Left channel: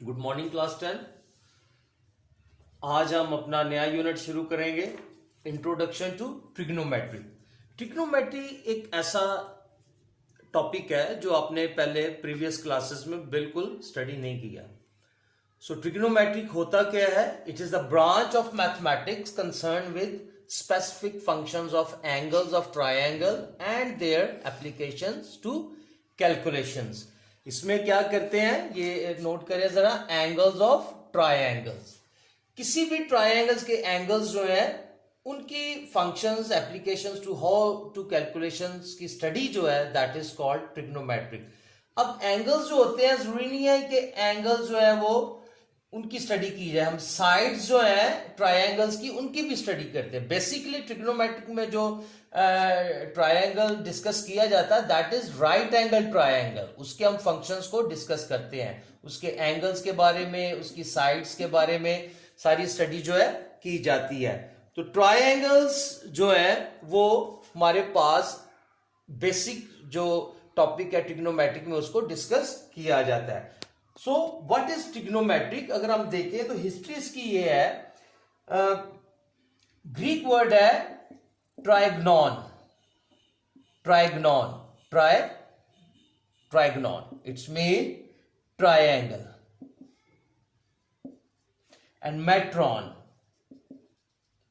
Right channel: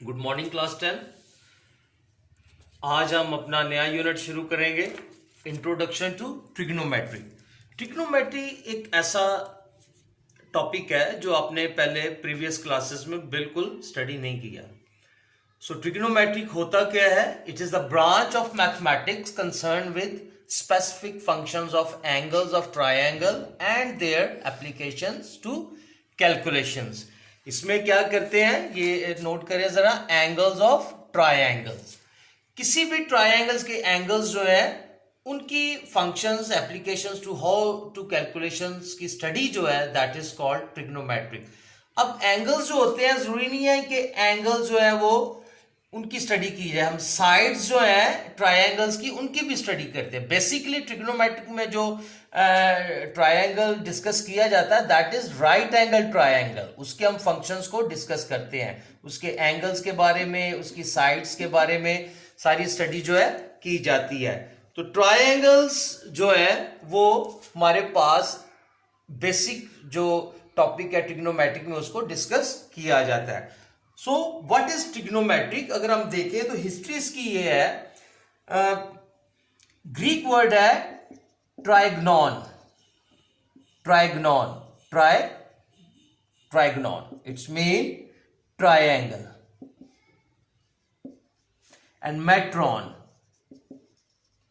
Good morning class 10। आज हम अपना नया यूनिट शुरू करेंगे, इंट्रोडक्शन टू ट्रिग्नोमेट्री। ट्रिग्नोमेट्री एक ऐसा टॉपिक है जो आपने पहले प्रीवियस क्लासेस में बिल्कुल स्टडी नहीं किया। सो ट्रिग्नोमेट्रिक होता क्या है? It is the branch of mathematics concern with specific functions of angles of triangle and their applications to calculations. इसमें क्या करते हैं, ये नोट करें जरा, एंगल्स ऑफ ट्रायंगल्स। किसी भी ट्रायंगल्स के एंगल्स जो है उनकी functions, applications to how to calculations की स्टडी जो है दैट इज कॉल्ड ट्रिग्नोमेट्रिक। अब एंगल्स जो होते हैं, जरूरी नहीं है कि एंगल्स जो है वो उनकी स्टडी की जाए। हम साइड्स जो है ट्रायंगल्स की उनकी भी स्टडी करते हैं। बेसिकली ट्रिग्नोमेट्रिक में जो ट्रायंगल डिस्कस किया जाता है that is right angle triangle. उसके हम फंक्शंस को डिस्कस करते हैं, उसके एंगल्स के बारे में, उसकी साइड्स के बारे में सारी स्टडी जो है की जाती है। तो ट्रायंगल्स जो है वो हमारे पास बेसिक जो टॉपिक है ट्रिग्नोमेट्रिक में उसको डिस्कस किया जाता है। So what is trigonometric? अगर हम देखें तो हिस्ट्री इसकी ये है, ग्रीक वर्ड है trigonon. Trigonon, trigonon, it's mean triangle. And metron,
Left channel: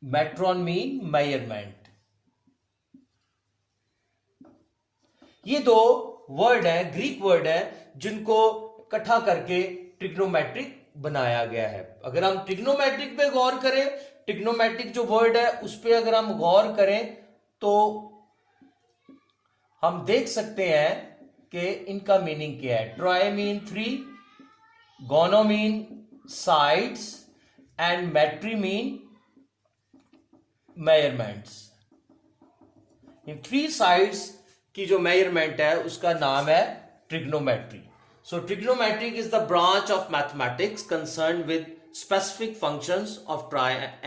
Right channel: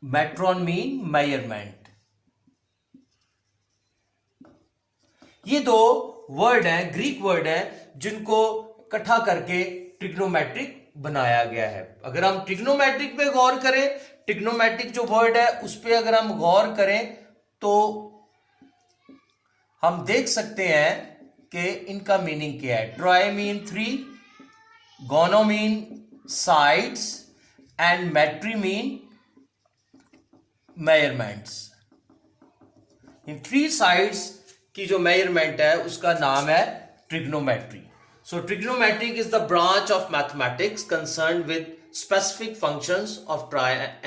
metron mean measurement. ये दो वर्ड है, ग्रीक वर्ड है, जिनको इकट्ठा करके ट्रिग्नोमेट्रिक बनाया गया है। अगर हम ट्रिग्नोमेट्रिक पे गौर करें, ट्रिग्नोमेट्रिक जो वर्ड है उस पे अगर हम गौर करें तो हम देख सकते हैं कि इनका मीनिंग क्या है। Try mean 3, gono mean sides and metry mean measurements. इन 3 साइड्स की जो मेजरमेंट है उसका नाम है trigonometry. So trigonometric is the branch of mathematics concerned with specific functions of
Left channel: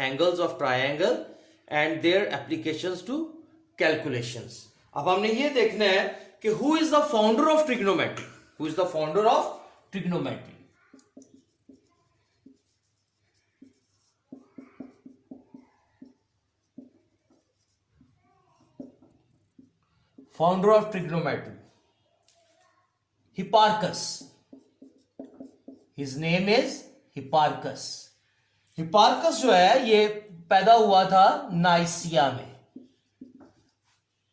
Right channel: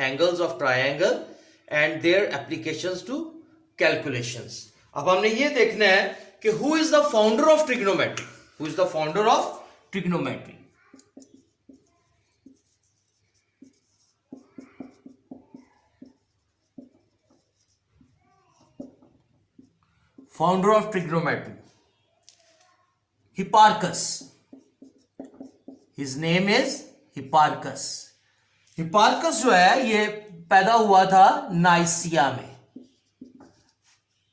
angles of triangle and their applications to calculations. अब हमने ये देखना है कि who is the founder of trigonometry? Who is the founder of trigonometry? Founder of trigonometry, Hipparchus. His name is Hipparchus. Hipparchus जो है ये पैदा हुआ था नाइसिया में।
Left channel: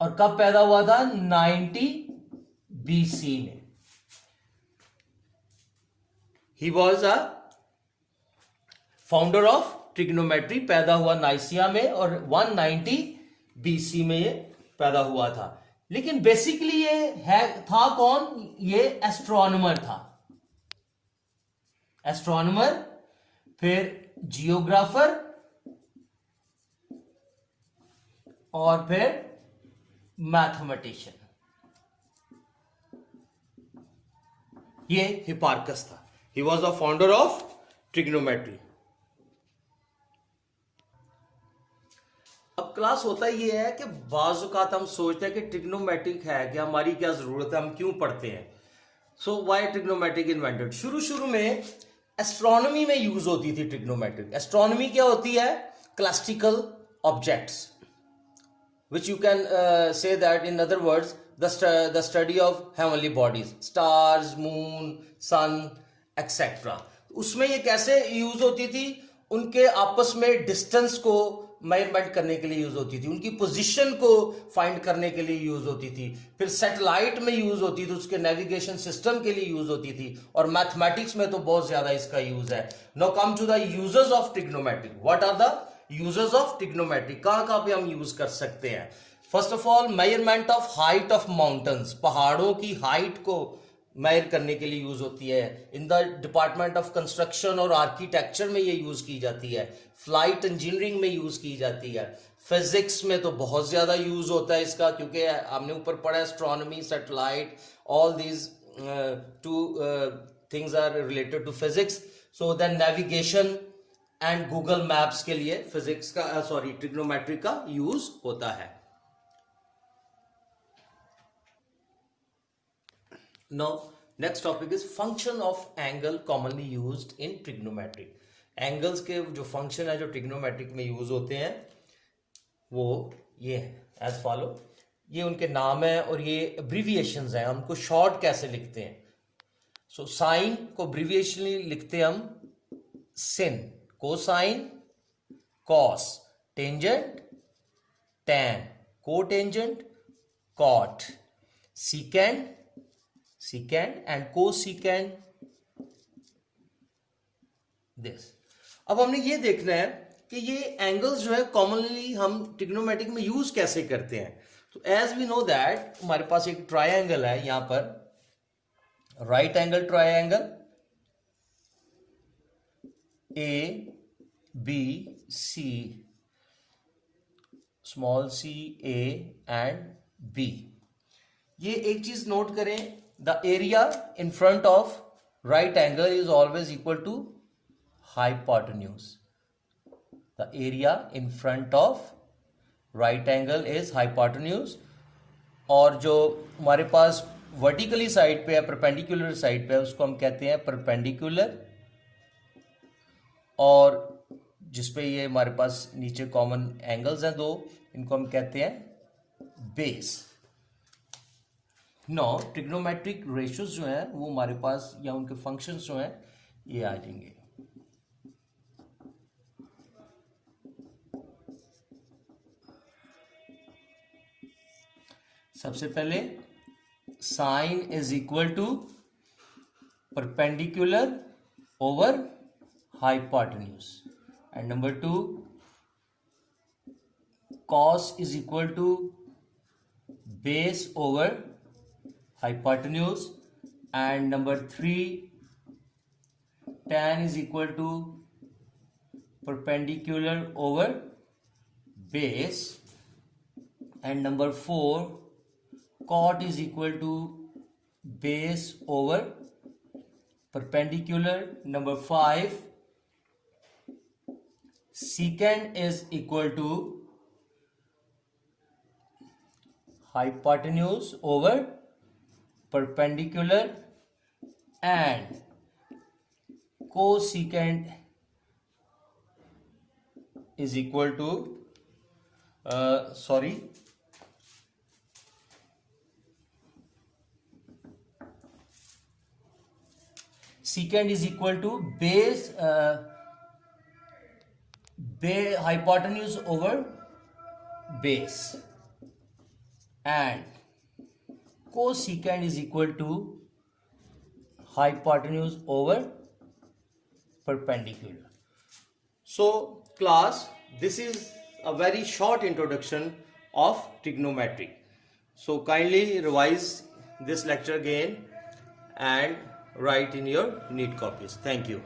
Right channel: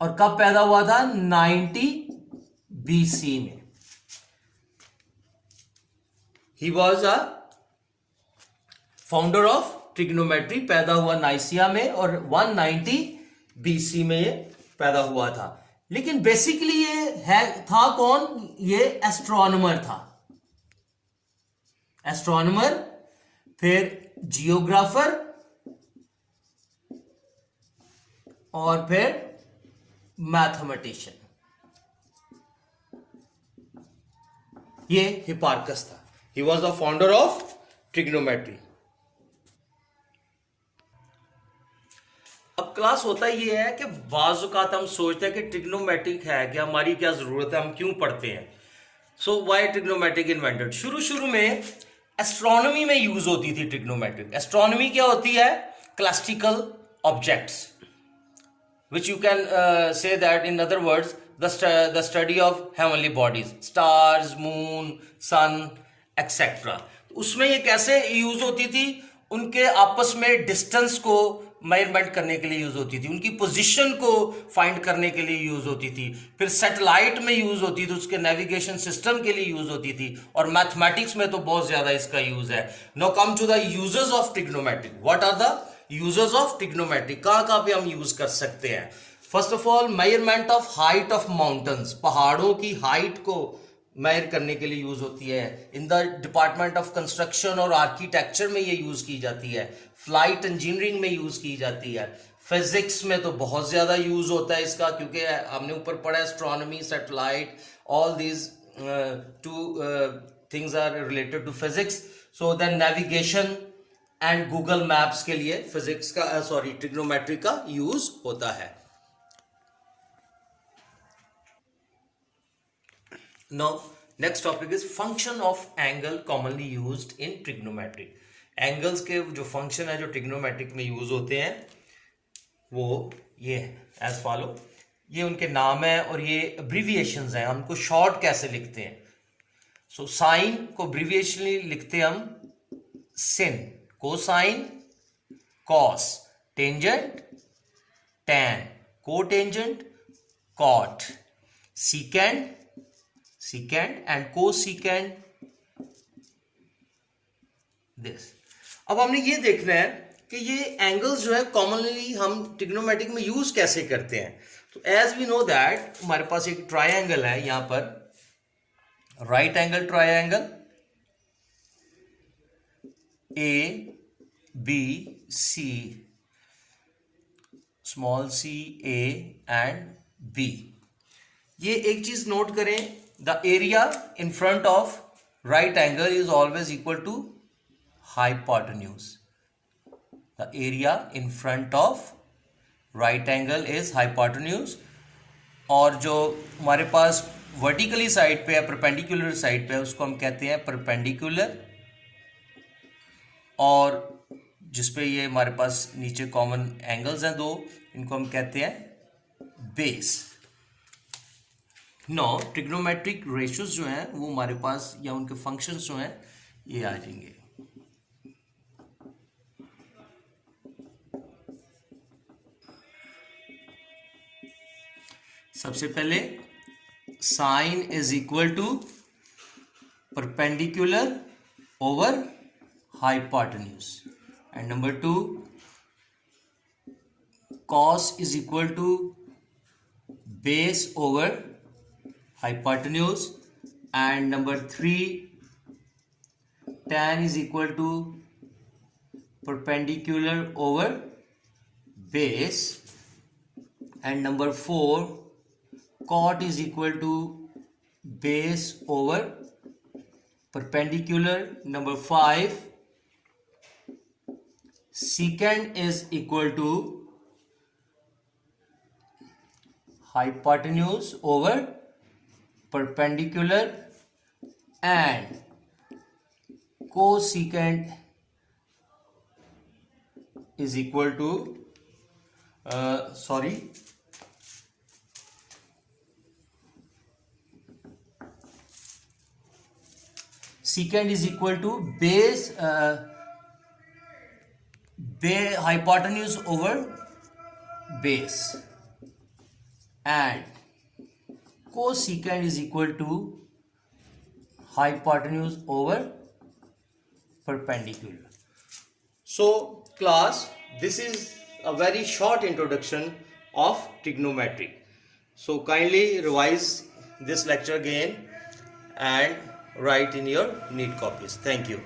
और कब पैदा हुआ था? 90 BC में। He was a founder of trigonometry. पैदा हुआ नाइसिया में और 190 BC में ये पैदा हुआ था। लेकिन बेसिकली ये है था कौन? ये एस्ट्रोनॉमर था। एस्ट्रोनॉमर, फिर जियोग्राफर और फिर मैथमेटिशियन। ये हिपार्कस था। He was the founder of trigonometry. अब क्लास होता ये है कि बाज़ औक़ात हम सोचते हैं कि ट्रिग्नोमेट्रिक है कि हमारी क्या जरूरत है, हम क्यों पढ़ते हैं। So why trigonometric invented? शुरू में एस्ट्रोनॉमी में यूज होती थी ट्रिग्नोमेट्रिक। एस्ट्रोनॉमी क्या होती है? Classical objects, which you can say that in other words the study of heavenly bodies, stars, moon, sun, etc. उसमें ये कैसे यूज होती थी? उनके आपस में डिस्टेंस को मेजरमेंट करने के लिए यूज होती थी, उनकी पोजीशन को फाइंड करने के लिए यूज होती थी, फिर सैटेलाइट में यूज होती थी, उसके नेविगेशन सिस्टम के लिए यूज होती थी, और मैथमेटिक्स में तो बहुत ज्यादा इसका यूज है। Now come to the uses of trigonometric. What are the uses of trigonometric? कहां पे हम यूज कर सकते हैं? First of all, measurement of height of mountains. पहाड़ों की हाइट को मेजर करने के लिए यूज होती है। In the department of construction और आर्किटेक्चर में ये यूज की जाती है। फ्लाइट इंजीनियरिंग में यूज की जाती है। फिजिक्स में तो बहुत ज्यादा यूज होता है इसका, क्योंकि हमने ऊपर पढ़ा astronomy, satellite, all these two things are related to physics. So then navigation and Google maps के लिए फिजिक्स का ट्रिग्नोमेट्री का यूज होता है। Now next topic is function of angle commonly used in trigonometry. Angles के जो function है जो ट्रिग्नोमेट्रिक में यूज होते हैं वो ये है एज फॉलो। ये उनके नाम है और ये अब्रीविएशंस हैं, हमको शॉर्ट कैसे लिखते हैं। सो साइन को अब्रीविएशनली लिखते हम sin, cosine cos, tangent tan, cotangent cot, secant secant and cosecant this। अब हमने ये देखना है कि ये एंगल्स जो है कॉमनली हम ट्रिग्नोमेट्रिक में यूज कैसे करते हैं। तो एज वी नो दैट हमारे पास एक ट्रायंगल है यहां पर, right angle triangle A B C, small c a and b. ये एक चीज नोट करें, the area in front of right angle is always equal to hypotenuse। the area in front of right angle is hypotenuse। और जो हमारे पास vertically side पे है, perpendicular side पे है, उसको हम कहते हैं परपेंडिकुलर। और जिसपे ये हमारे पास नीचे कॉमन एंगल्स हैं दो, इनको हम कहते हैं बेस। नो ट्रिग्नोमेट्रिक रेशियोज जो हैं वो हमारे पास या उनके फंक्शंस जो हैं ये आ जाएंगे। सबसे पहले sine is equal to perpendicular over hypotenuse, and number 2 cos is equal to base over hypotenuse, and number 3 tan is equal to perpendicular over base, and number 4 cot is equal to base over perpendicular। number 5 secant is equal to hypotenuse over perpendicular, and cosecant is equal to secant is equal to base hypotenuse over base, and cosecant is equal to hypotenuse over perpendicular। So class, this is a very short introduction of trigonometry। So kindly revise this lecture again and write in your neat copies. Thank you।